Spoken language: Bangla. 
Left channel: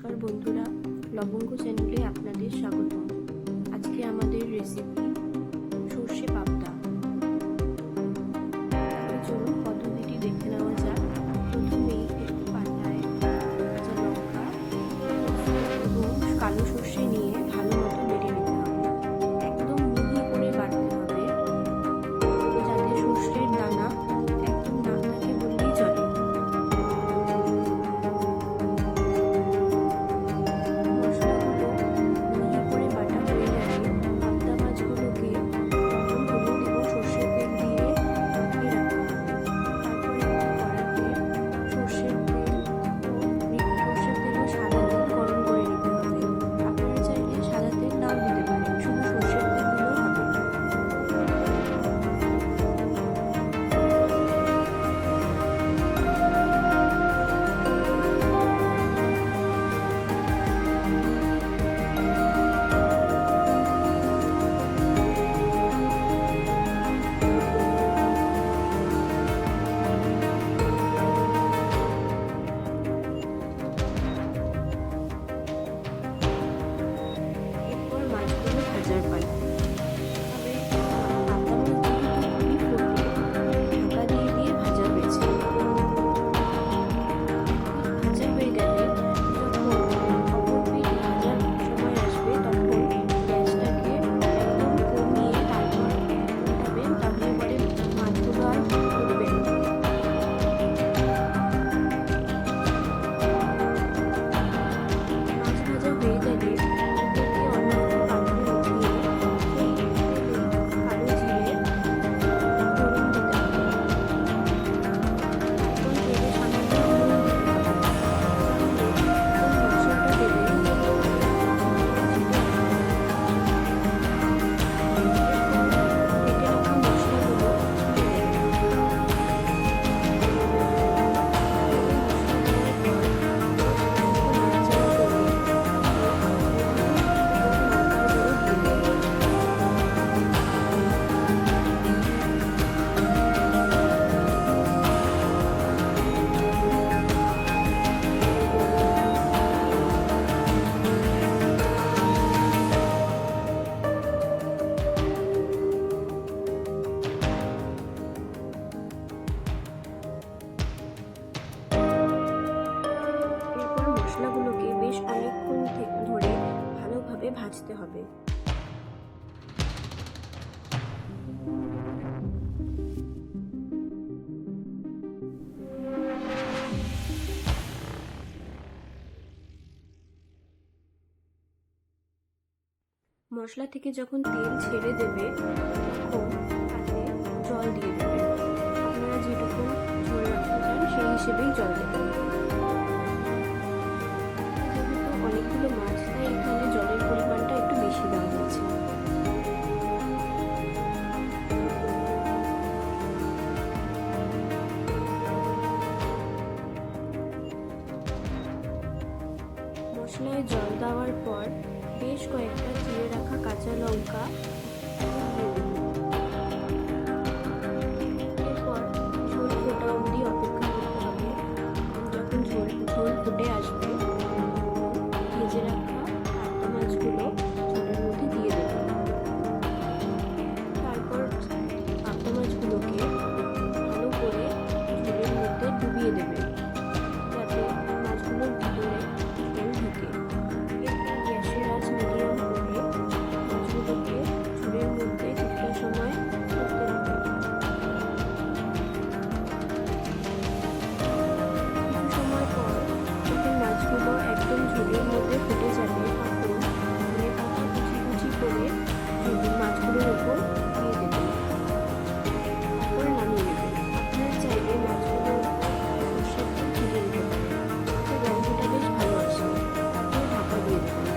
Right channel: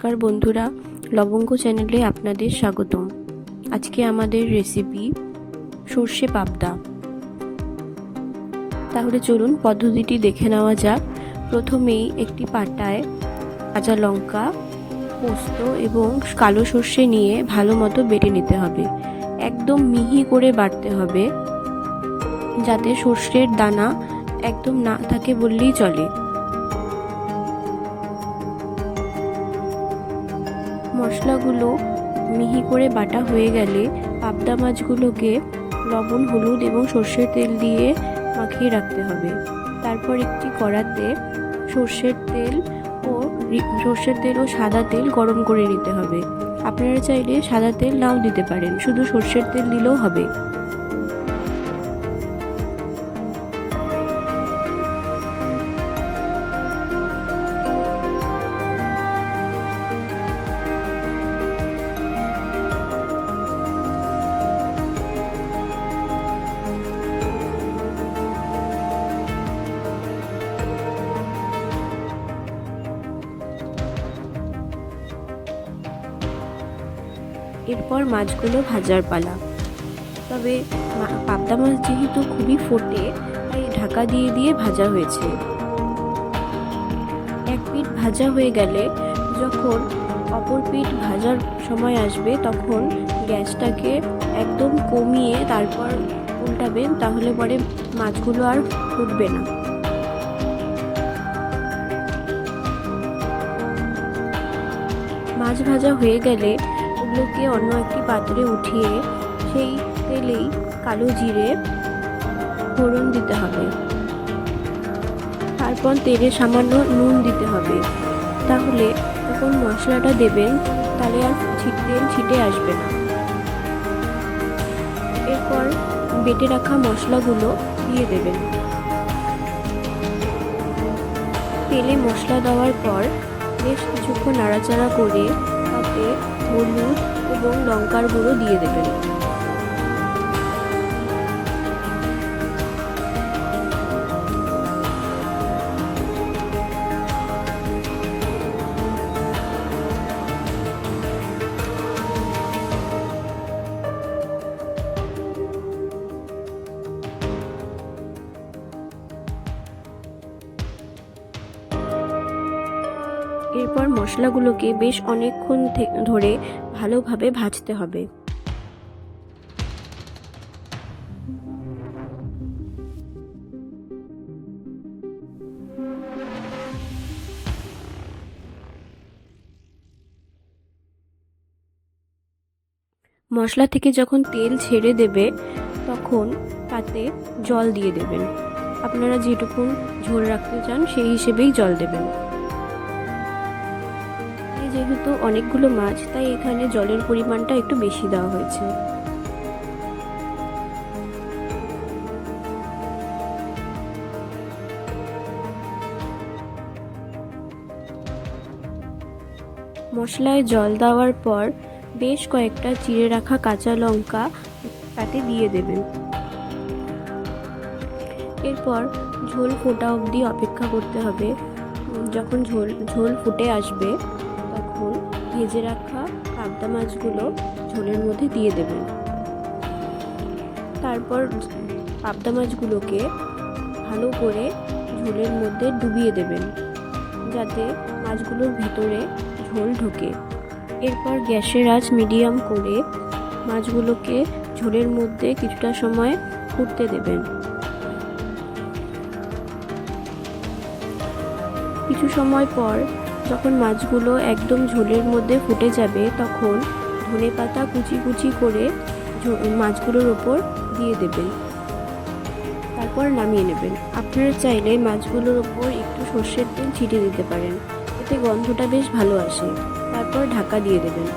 নমস্কার বন্ধুরা, লবঙ্গ চ্যানেলে আপনাদের স্বাগতম। আজকে আমাদের রেসিপি সর্ষে পাবদা। তাহলে চলুন পদ্ধতিটি দেখে নেওয়া যাক। প্রথমেই একটি পাটায় কাঁচা লঙ্কা, পোস্ত এবং কালো সর্ষে নিয়ে ভালো মতো বেটে নিতে হবে। একদম মিহি করে বাটতে হবে, যাতে সর্ষের দানা একদম না থাকে বললেই চলে। মশলাগুলো মিহি করে বাটা হয়ে গেলে পাবদা মাছগুলোকে লবণ, হলুদ এবং সর্ষের তেল দিয়ে মাখিয়ে রাখতে হবে। তারপর একটি কড়াতে সর্ষের তেল ও সর্ষের তেল ও সাদা তেল গরম করে নিতে হবে। আপনারা চাইলে সাদা তেল নাও দিতে পারেন, শুধু সর্ষের তেল দিলেও হবে। এরপর মাছগুলো ভাজার পালা। তবে পাবদা মাছ যেহেতু খুবই ফোটে, তাই ঢাকা দিয়ে দিয়ে ভাজা হয়েছে। এক পিঠ ভাজা হয়ে গেলে যখন অপর পিঠ ভাজার সময় আসবে, তখন গ্যাসটাকে একদম কমিয়ে তারপর উল্টাবেন, তাহলে পরে মাছগুলো আর ফুটবে না। মাছ ভাজা হয়ে গেলে ওগুলোকে অন্য একটি পাত্রে উঠিয়ে সেই তেলেই কালো জিরে, ফোড়ন দিতে হবে। তারপর তেলে সামান্য নুন দিতে হবে। তাহলে যখন মশলাটা দেবেন, তাহলে আর ছিটে ছিটে আসবে এরপর বেটে রাখা মশলাগুলো দিয়ে দেবেন। তেলে মশলা দেওয়ার পর বেশ কিছুক্ষণ নাড়াচাড়া করে তাতে হলুদ এবং লঙ্কার এরপর মশলাগুলোকে বেশ অনেকক্ষণ ধরে ভালোভাবে ভাজতে হবে। মশলা থেকে যখন তেল ছেড়ে দেবে, তখন তাতে জল দিয়ে দেবেন। আপনারা যেটুকু ঝোল রাখতে চান, সেই হিসেবেই জল দেবেন। অনেকগুলো মাছ, তাই এখানে জলের পরিমাণটা একটু বেশি দেওয়া হয়েছে। মশলায় জল দেওয়ার পর বেশ কয়েকটা চিড়ে রাখা কাঁচা লঙ্কা তাতে দিয়ে দেবেন। এরপর ঝোল ফোটা অবধি অপেক্ষা করতে হবে। যখন ঝোল ঝোল ফুটে আসবে ভেজে রাখা পাবদা মাছগুলো ঝোলের মধ্যে দিয়ে দেবেন তারপর পাবদা মাছগুলোকে ভালো করে ঝোলের মধ্যে ডুবিয়ে দেবেন যাতে মাছগুলোর ভিতরে ঝোল ঢোকে। এরপর গ্যাসের আঁচ মিডিয়াম করে মাছগুলোকে ঝোলের মধ্যে কিছুটা সময় ফুটতে দেবেন কিছু সময় পর যখন মাছগুলো একদম ঝোলের মধ্যে ফুটে যাবে, তখন ধনে পাতা কুচি কুচি করে মাছগুলোর ওপর দিয়ে দেবেন। তারপর নামিয়ে নেবেন। আপনারা চাইলে মাছগুলোর ওপর একটু সর্ষের তেল ছিটিয়ে দিতে পারেন। এতে গন্ধটা বেশ ভালো আসে। তারপর ঢাকা দিয়ে দেবেন।